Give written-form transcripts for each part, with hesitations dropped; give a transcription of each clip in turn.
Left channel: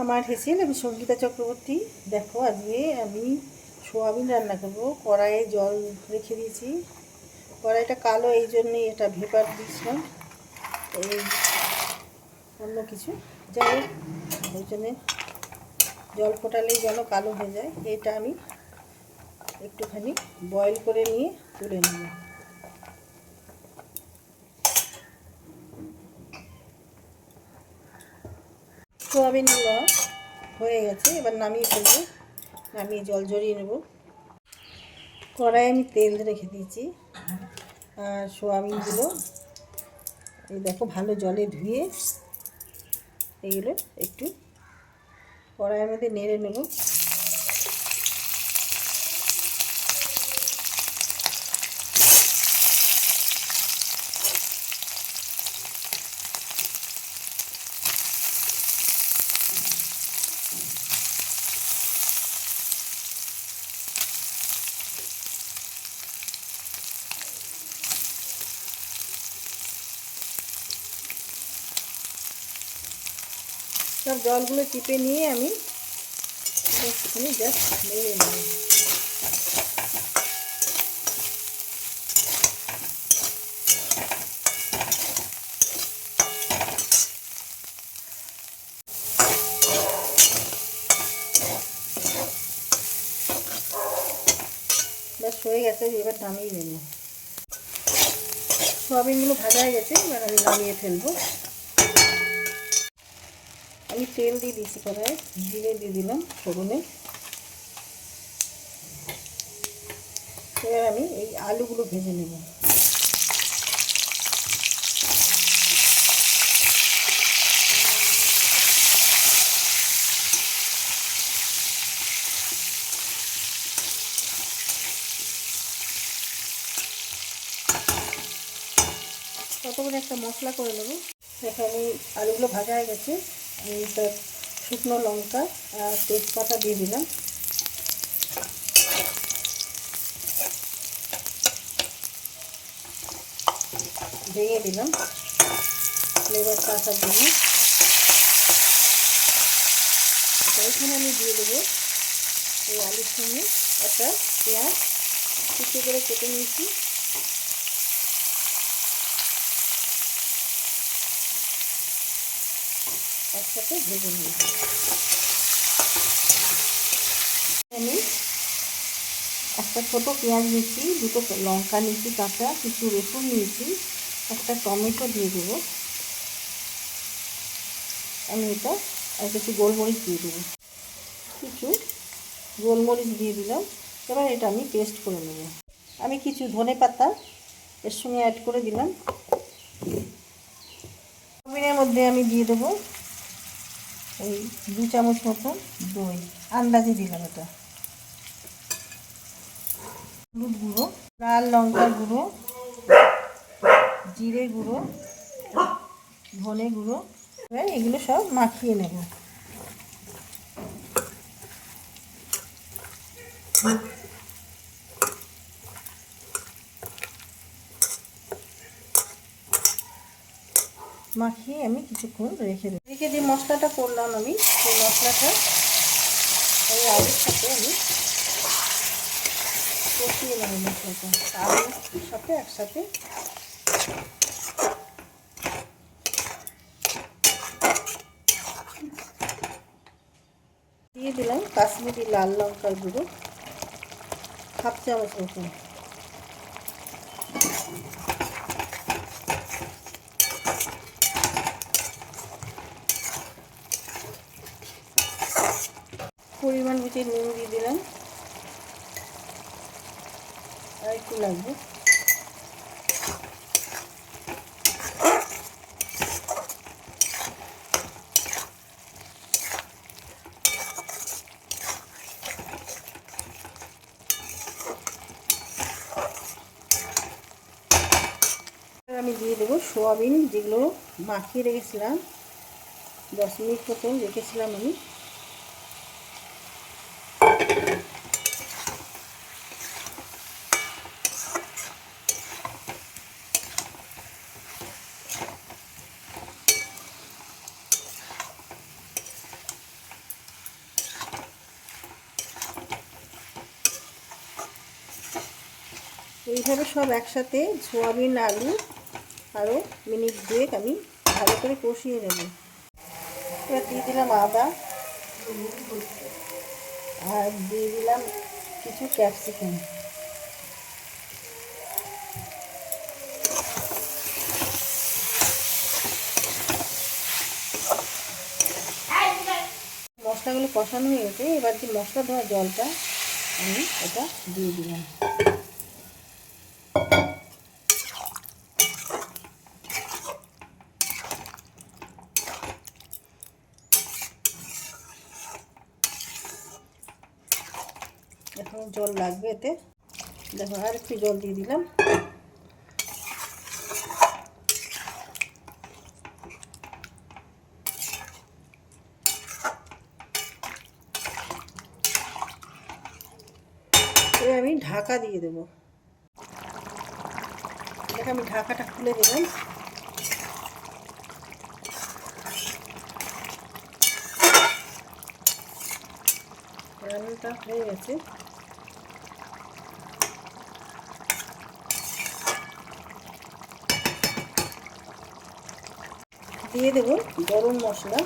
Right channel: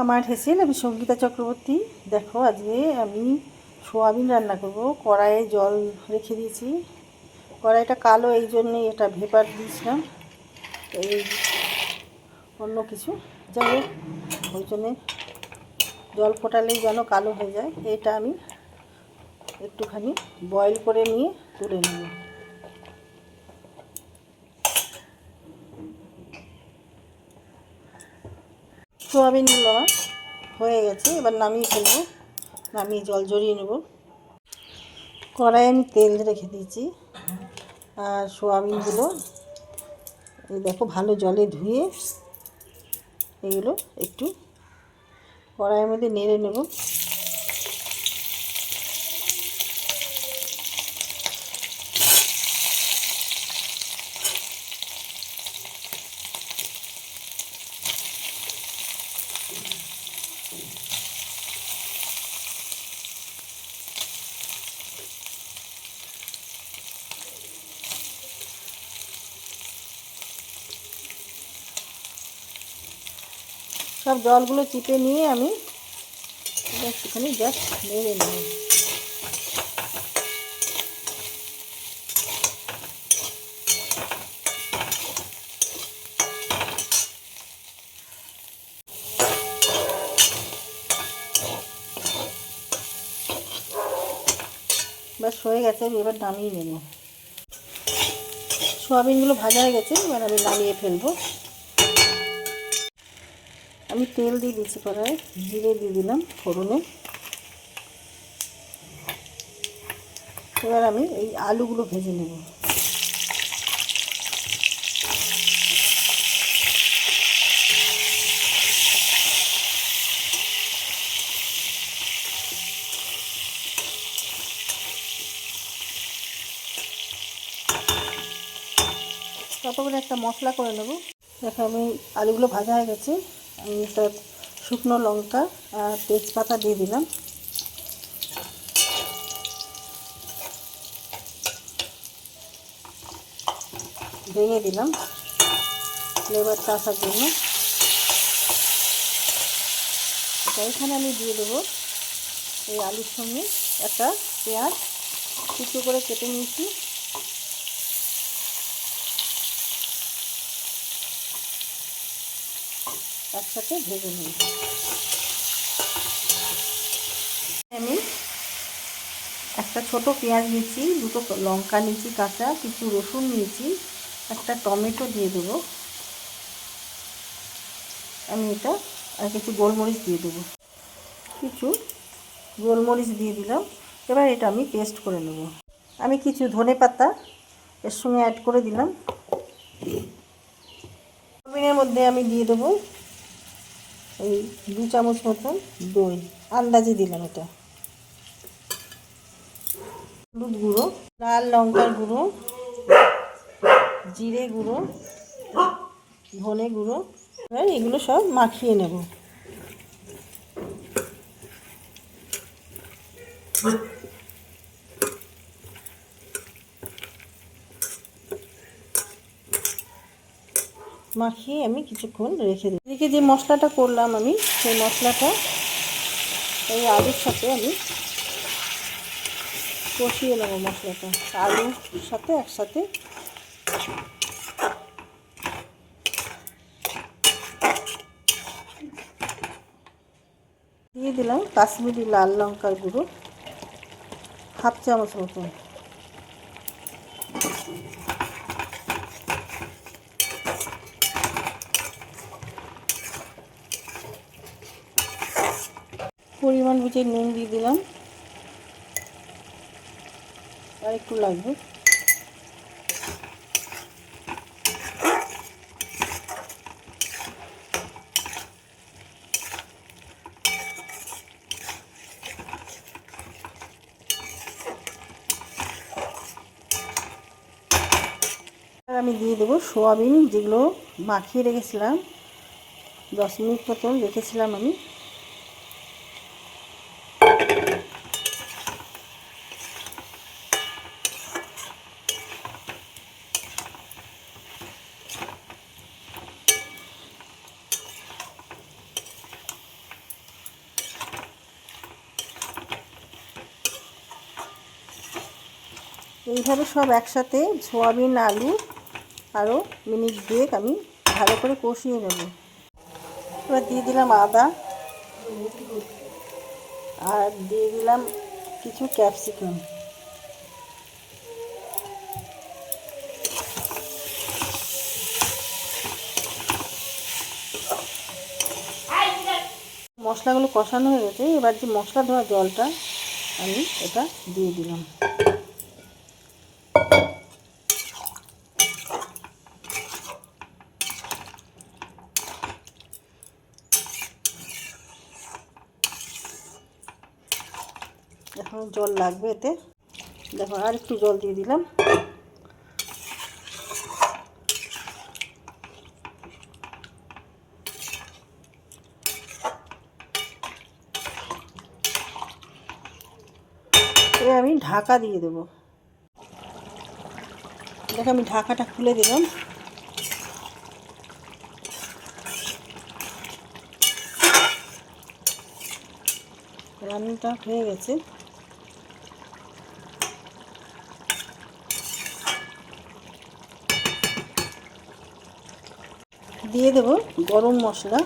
আমার হেসেল, আমি সঙ্গীতা চক্রবর্তী। দেখো, আজকে আমি সোয়াবিন রান্না করব। কড়াইয়ে জল রেখে দিয়েছি। কড়াইটা কালো, এই জন্যেই এটা ভেপার দিয়েছিলাম, এই অন্য কিছু যাই হোক, ওই জন্যে জল ফোটালেই যেন কালো হয়ে যায়। এটা আমি একটুখানি বয়েল করে নিয়ে তুলে নেব। সোয়াবিনগুলো আমার হয়ে গেছে, এবার নামিয়ে ফেলবো। নামিয়ে জল জড়িয়ে নেব। কড়াইয়ে আমি তেল রেখে দিয়েছি, আর সোয়াবিনগুলো এই দেখো ভালো জলে ধুয়ে এগুলো একটু কড়াইয়ের মধ্যে নেড়ে নেব। সব জলগুলো চিপে নিয়ে আমি একটুখানি জাস্ট নেড়ে নেব। ব্যাস হয়ে গেছে, এবার নামিয়ে নেব। সোয়াবিনগুলো ভাজা হয়ে গেছে, এবার আমি নামিয়ে ফেলবো। আমি তেল দিয়ে দিচ্ছি কড়াই, জিরে দিয়ে দিলাম ফোড়নে। এবার আমি এই আলুগুলো ভেজে নেব। ততক্ষণে একটা মশলা করে নেব। দেখো, আমি আলুগুলো ভাজা হয়ে গেছে। আমি তার শুকনো লঙ্কা আর তেজপাতা দিয়ে দিলাম। ভেঙে দিলাম ফ্লেভারটা আসার জন্য। এখানে আমি দিয়ে দেবো এই আলুর সঙ্গে একটা পেঁয়াজ কুচো করে কেটে নিয়েছি। একসাথে ভেজে নিই। আমি একটা ছোট পেঁয়াজ নিয়েছি, দুটো লঙ্কা নিয়েছি কাঁচা, কিছু রসুন নিয়েছি, একটা টমেটো দিয়ে দেবো আমি এটা, আর কিছু গোলমরিচ দিয়ে দেবো। কিছু গোলমরিচ দিয়ে দিলাম। এবার এটা আমি পেস্ট করে নেব। আমি কিছু ধনেপাতা এর সঙ্গে অ্যাড করে দিলাম। সোয়াবিনের মধ্যে আমি দিয়ে দেবো এই 2 চামচ মতন দই, আন্দাজে দিলাম এটা। হলুদ গুঁড়ো, লাল লঙ্কার গুঁড়ো, জিরে গুঁড়ো, ধনে গুঁড়ো। এবার এগুলো সব মাখিয়ে নেব। মাখিয়ে আমি কিছুক্ষণ রেখে দিই। এদিকে যে মশলাটা করলাম আমি, সেই মশলাটা এই আলুর সাথে আমি কষিয়ে নেব। মশলাটা আলুর সাথে একসাথে দিয়ে দিলাম কাশ্মীরি লাল লঙ্কার গুঁড়ো, 1/2 চামচ মতন। পরিমাণ বুঝে নুন দিয়ে দিলাম, আর একটু লাগবে। আর আমি দিয়ে দেবো সোয়াবিন, যেগুলো মাখিয়ে রেখেছিলাম, 10 মিনিট মতন রেখেছিলাম আমি। এইভাবে সব একসাথে সোয়াবিন, আলু আরও মিনিট 2 আমি ভালো করে কষিয়ে নেব। এবার দিয়ে দিলাম আদা আর দিয়ে দিলাম কিছু ক্যাপসিকাম। মশলাগুলো কষানো হয়ে গেছে। এবার যে মশলা ধোয়া জলটা আমি এটা দিয়ে দিলাম। এখন জল লাগবে এতে, দেখো আর একটু জল দিয়ে দিলাম। এবার আমি ঢাকা দিয়ে দেবো। দেখো আমি ঢাকাটা খুলে দিলাম। রান্নাটা হয়ে গেছে। দিয়ে দেব গরম মশলা।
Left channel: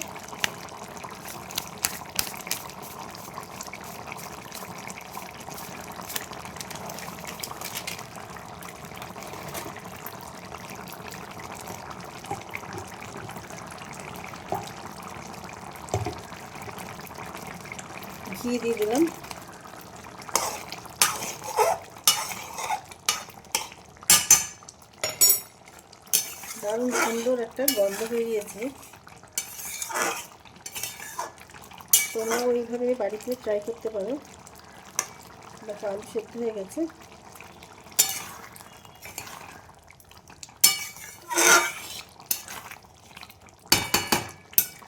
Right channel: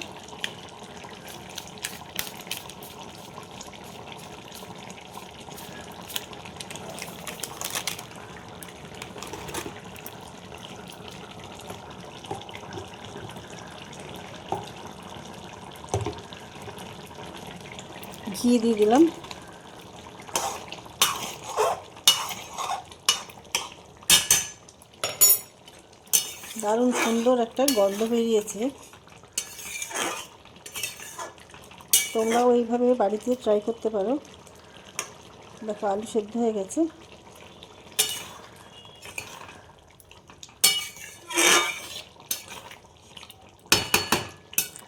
ঘি দিয়ে দিলাম। দারুণ সুন্দর একটা গন্ধ বেরিয়েছে। তোমরাও এইভাবে বাড়িতে ট্রাই করতে পারো। দেখো আলু সেদ্ধ হয়ে গেছে।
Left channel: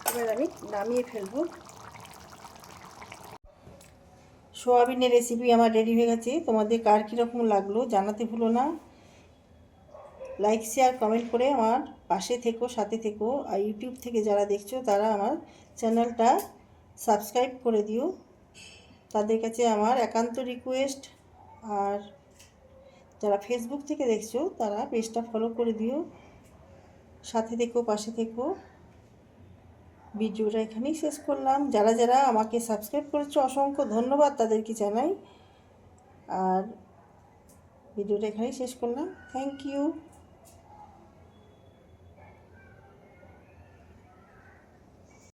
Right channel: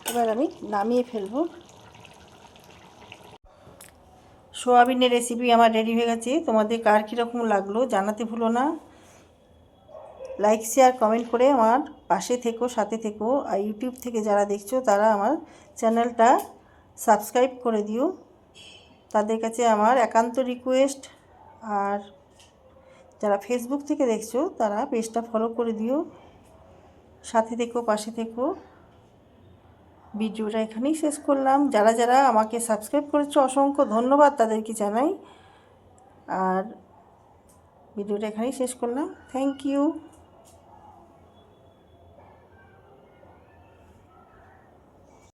এবার আমি নামিয়ে ফেলবো। সোয়াবিনের রেসিপি আমার রেডি হয়ে গেছে। তোমাদের কার কীরকম লাগলো জানাতে ভুলো না। লাইক, শেয়ার, কমেন্ট করে আমার পাশে থেকো, সাথে থেকো। আর ইউটিউব থেকে যারা দেখছো তারা আমার চ্যানেলটা সাবস্ক্রাইব করে দিও। তাদের কাছে আমার একান্ত রিকোয়েস্ট। আর যারা ফেসবুক থেকে দেখছো তারা পেজটা ফলো করে দিও। সাথে থেকো, পাশে থেকো। ভিডিওটা এখানেই শেষ করলাম। যারা যারা আমাকে সাবস্ক্রাইব করেছো অসংখ্য ধন্যবাদ তাদেরকে জানাই। আর ভিডিওটা এখানেই শেষ করলাম। Thank you.